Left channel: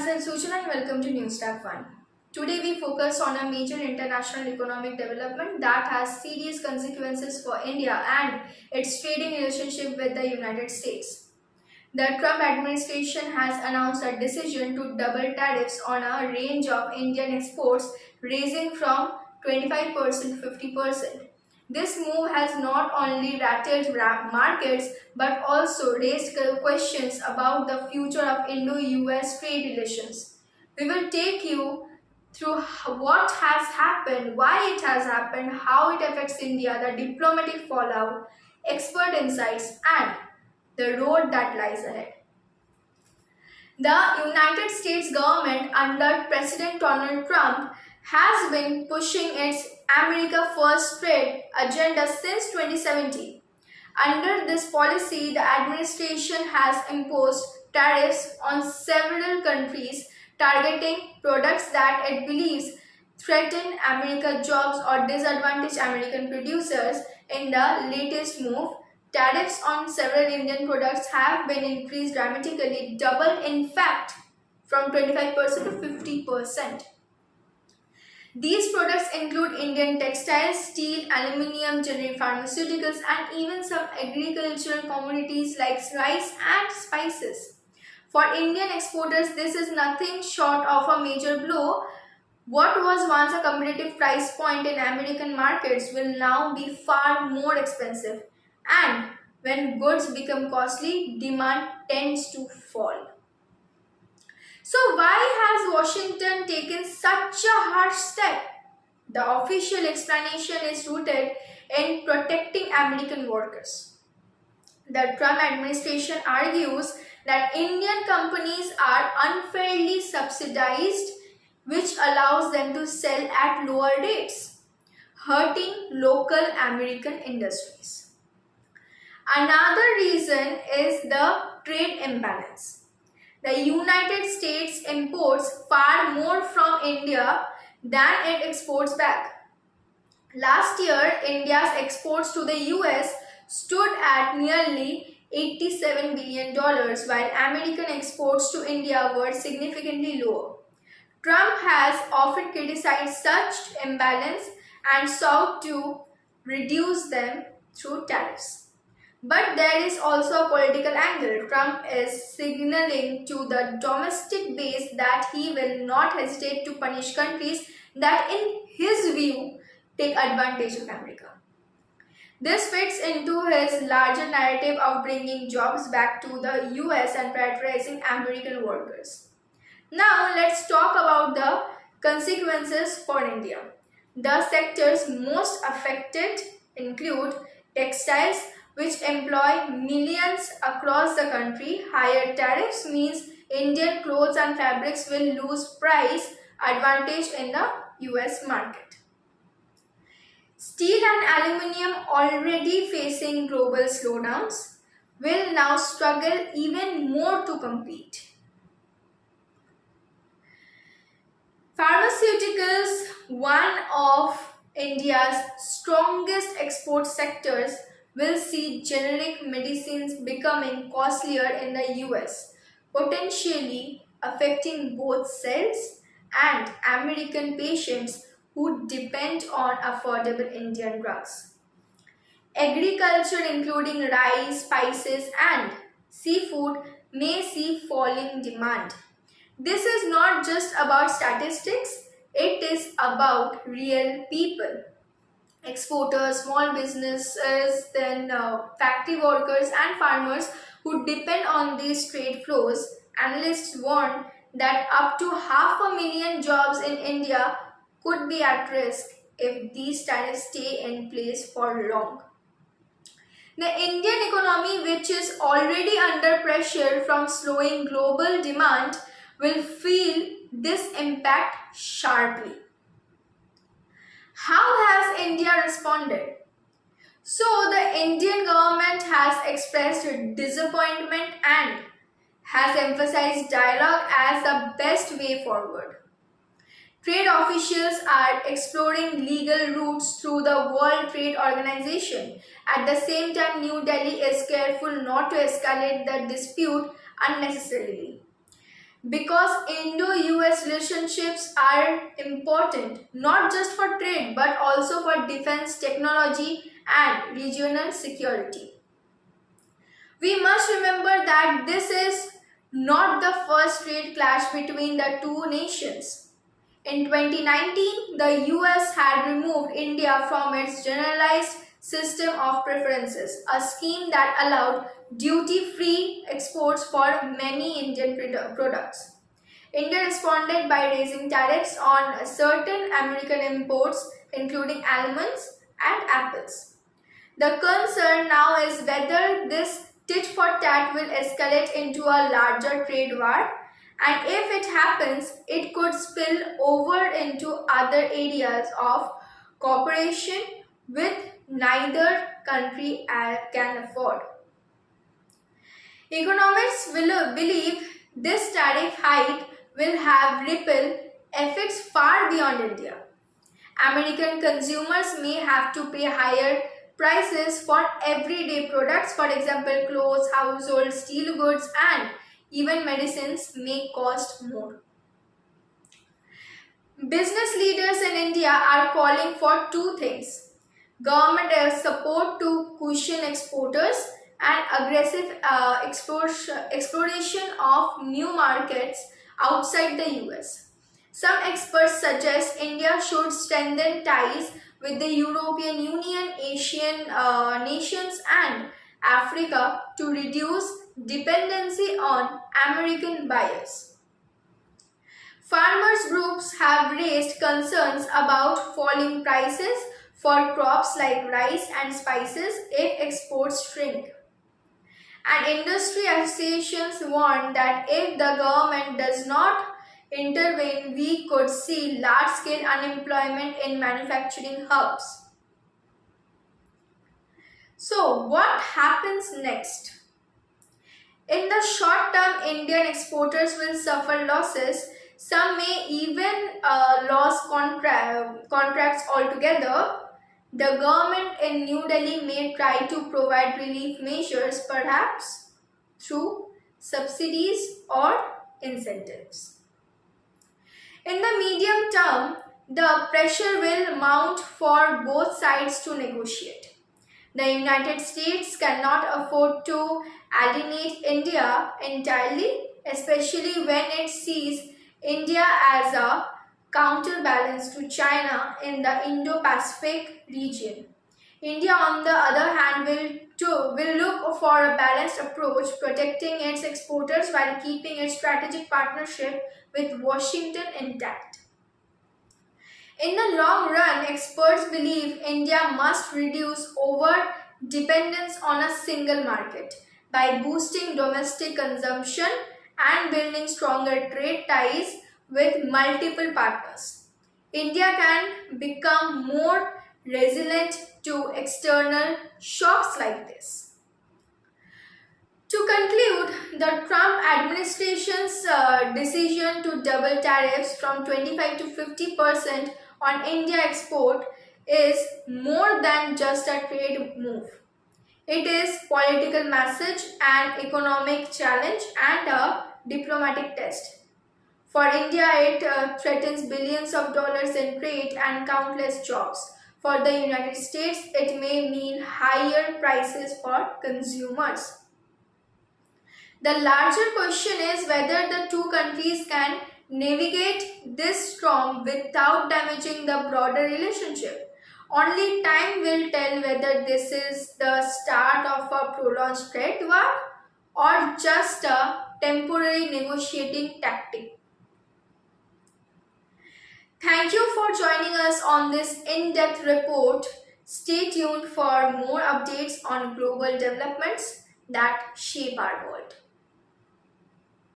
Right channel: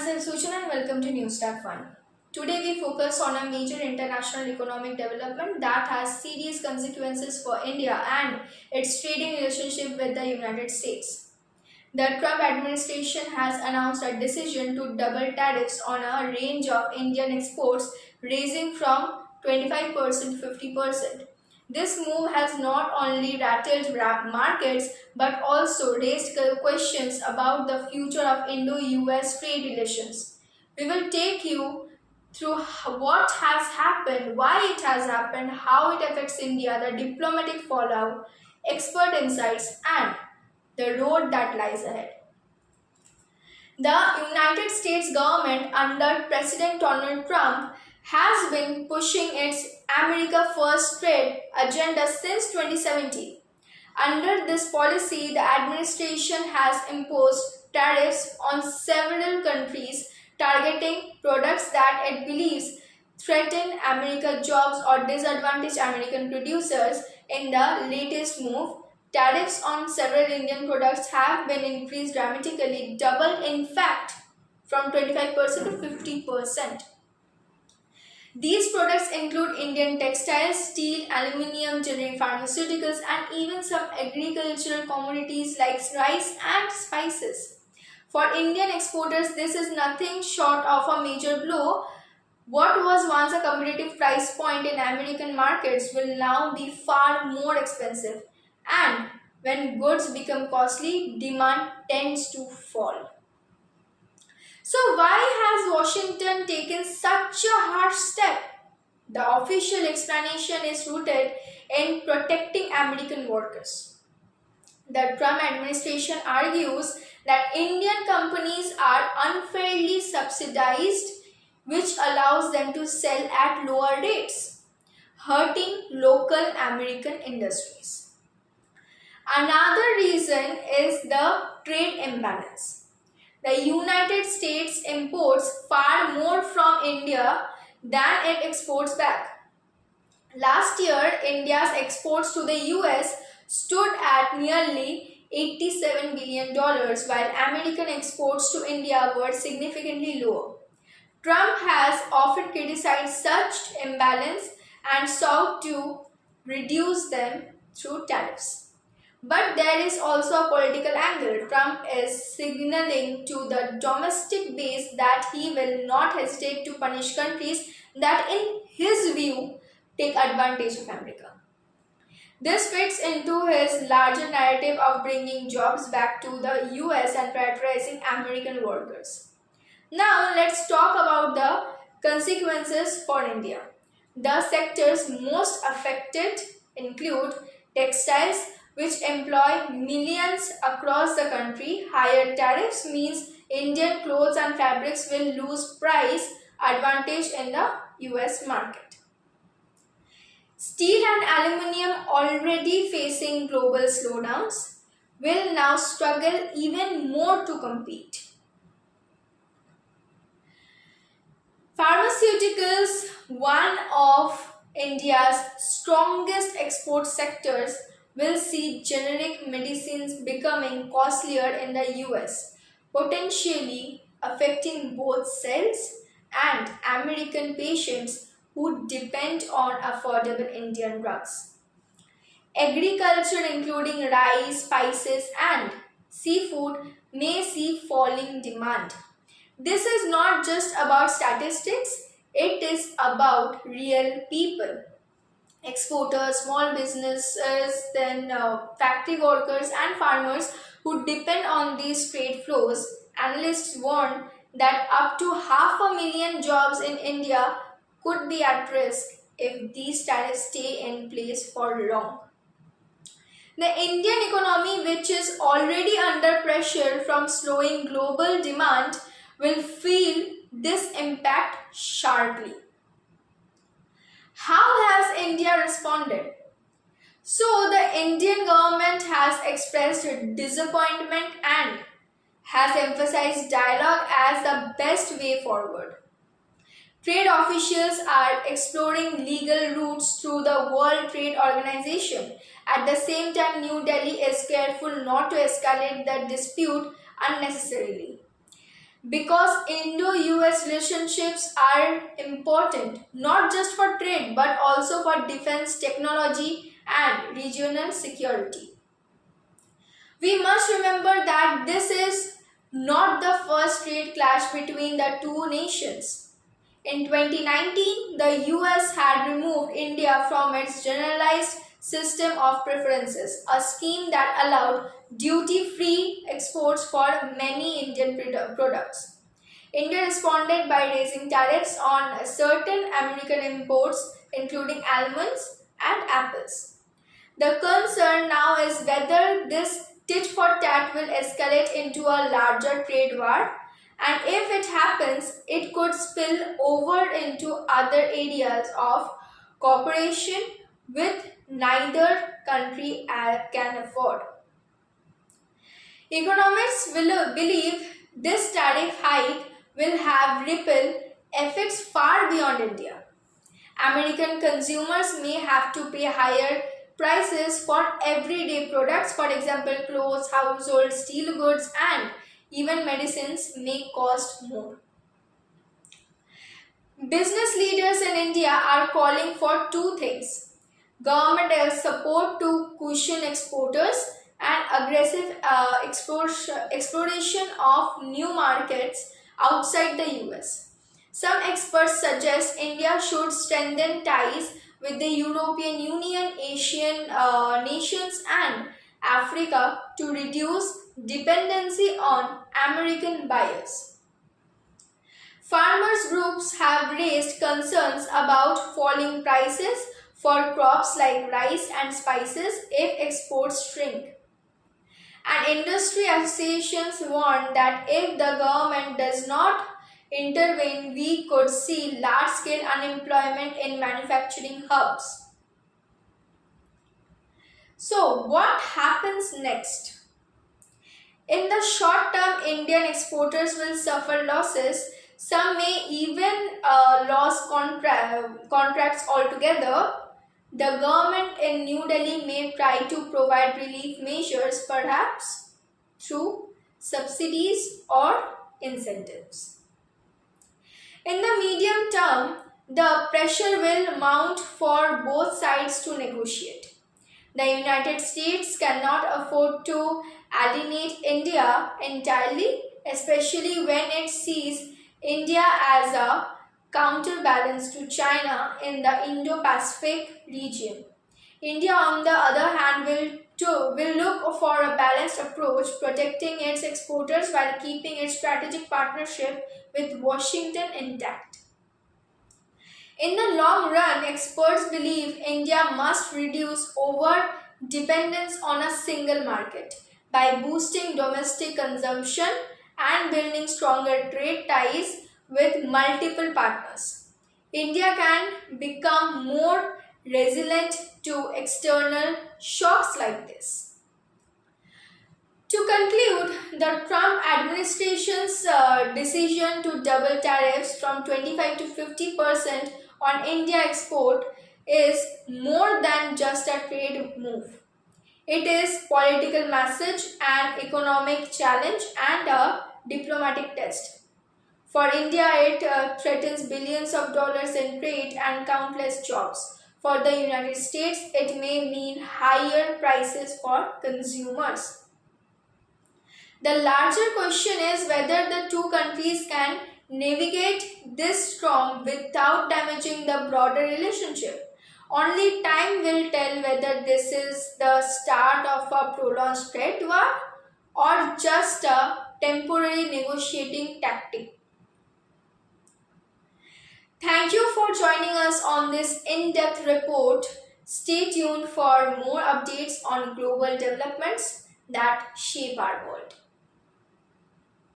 myself Suchan and welcome to News Tab 1. Today we focus on a major international economic development that has serious consequences for India and its trading relationship with the United States. The Trump administration has announced a decision to double tariffs on a range of Indian exports, raising from 25% to 50%. This move has not only rattled markets but also raised questions about the future of Indo-US trade relations. We will take you through what has happened, why it has happened, how it affects India, the diplomatic fallout, expert insights, and the road that lies ahead. The United States government under President Donald Trump has been pushing its America First trade agenda since 2017. Under this policy, the administration has imposed tariffs on several countries targeting products that it believes threaten American jobs or disadvantage American producers. In the latest move, tariffs on several Indian products have been increased dramatically, double in fact, from 25% to 50%. These products include Indian textiles, steel, aluminium, generic pharmaceuticals, and even some agricultural commodities like rice and spices. For Indian exporters, this is nothing short of a major blow. What was once a competitive price point in American markets will now be far more expensive. And when goods become costly, demand tends to fall. So why has Washington taken such a harsh step? The official explanation is rooted in protecting American workers. The Trump administration argues that Indian companies are unfairly subsidized, which allows them to sell at lower rates, hurting local American industries. Another reason is the trade imbalance. The United States imports far more from India than it exports back. Last year, India's exports to the US stood at nearly $87 billion, while American exports to India were significantly lower. Trump has often criticized such imbalance and sought to reduce them through tariffs. But there is also a political angle. Trump is signaling to the domestic base that he will not hesitate to punish countries that, in his view, take advantage of America. This fits into his larger narrative of bringing jobs back to the US and prioritizing American workers. Now, let's talk about the consequences for India. The sectors most affected include textiles, which employ millions across the country. Higher tariffs means Indian clothes and fabrics will lose price advantage in the US market. Steel and aluminium, already facing global slowdowns, will now struggle even more to compete. Pharmaceuticals, one of India's strongest export sectors, will see generic medicines becoming costlier in the US, potentially affecting both sales and American patients who depend on affordable Indian drugs. Agriculture, including rice, spices, and seafood, may see falling demand. This is not just about statistics, it is about real people. Exporters, small businesses, then factory workers and farmers who depend on these trade flows. Analysts warn that up to 500,000 jobs in India could be at risk if these tariffs stay in place for long. The Indian economy, which is already under pressure from slowing global demand, will feel this impact sharply. How has India responded? So, the Indian government has expressed disappointment and has emphasized dialogue as the best way forward. Trade officials are exploring legal routes through the World Trade Organization. At the same time, New Delhi is careful not to escalate the dispute unnecessarily. because Indo-US relationships are important not just for trade but also for defense technology and regional security. We must remember that this is not the first trade clash between the two nations. In 2019, the US had removed India from its generalized system of preferences, a scheme that allowed duty-free exports for many Indian products. India responded by raising tariffs on certain American imports, including almonds and apples. The concern now is whether this tit for tat will escalate into a larger trade war, and if it happens, it could spill over into other areas of cooperation with neither country can afford. Economists will believe this tariff hike will have ripple effects far beyond India. American consumers may have to pay higher prices for everyday products, for example, clothes, household, steel goods, and even medicines may cost more. Business leaders in India are calling for two things: government support to cushion exporters and aggressive exploration of new markets outside the US. Some experts suggest India should strengthen ties with the European Union, Asian nations, and Africa to reduce dependency on American buyers. Farmers groups have raised concerns about falling prices for crops like rice and spices if exports shrink. And industry associations warn that if the government does not intervene, we could see large-scale unemployment in manufacturing hubs. So, what happens next? In the short term, Indian exporters will suffer losses. Some may even lose contracts altogether. The government in New Delhi may try to provide relief measures, perhaps through subsidies or incentives. In the medium term, the pressure will mount for both sides to negotiate. The United States cannot afford to alienate India entirely, especially when it sees India as a counterbalance to China in the Indo-Pacific region. India, on the other hand, will look for a balanced approach, protecting its exporters while keeping its strategic partnership with Washington intact. In the long run, experts believe India must reduce over dependence on a single market by boosting domestic consumption and building stronger trade ties with multiple partners. India can become more resilient to external shocks like this. To conclude, the Trump administration's decision to double tariffs from 25 to 50% on India export is more than just a trade move. It is political message, an economic challenge, and a diplomatic test. For India, it threatens billions of dollars in trade and countless jobs. For the United States, it may mean higher prices for consumers. The larger question is whether the two countries can navigate this storm without damaging the broader relationship. Only time will tell whether this is the start of a prolonged trade war or just a temporary negotiating tactic. Thank you for joining us on this in-depth report. Stay tuned for more updates on global developments that shape our world.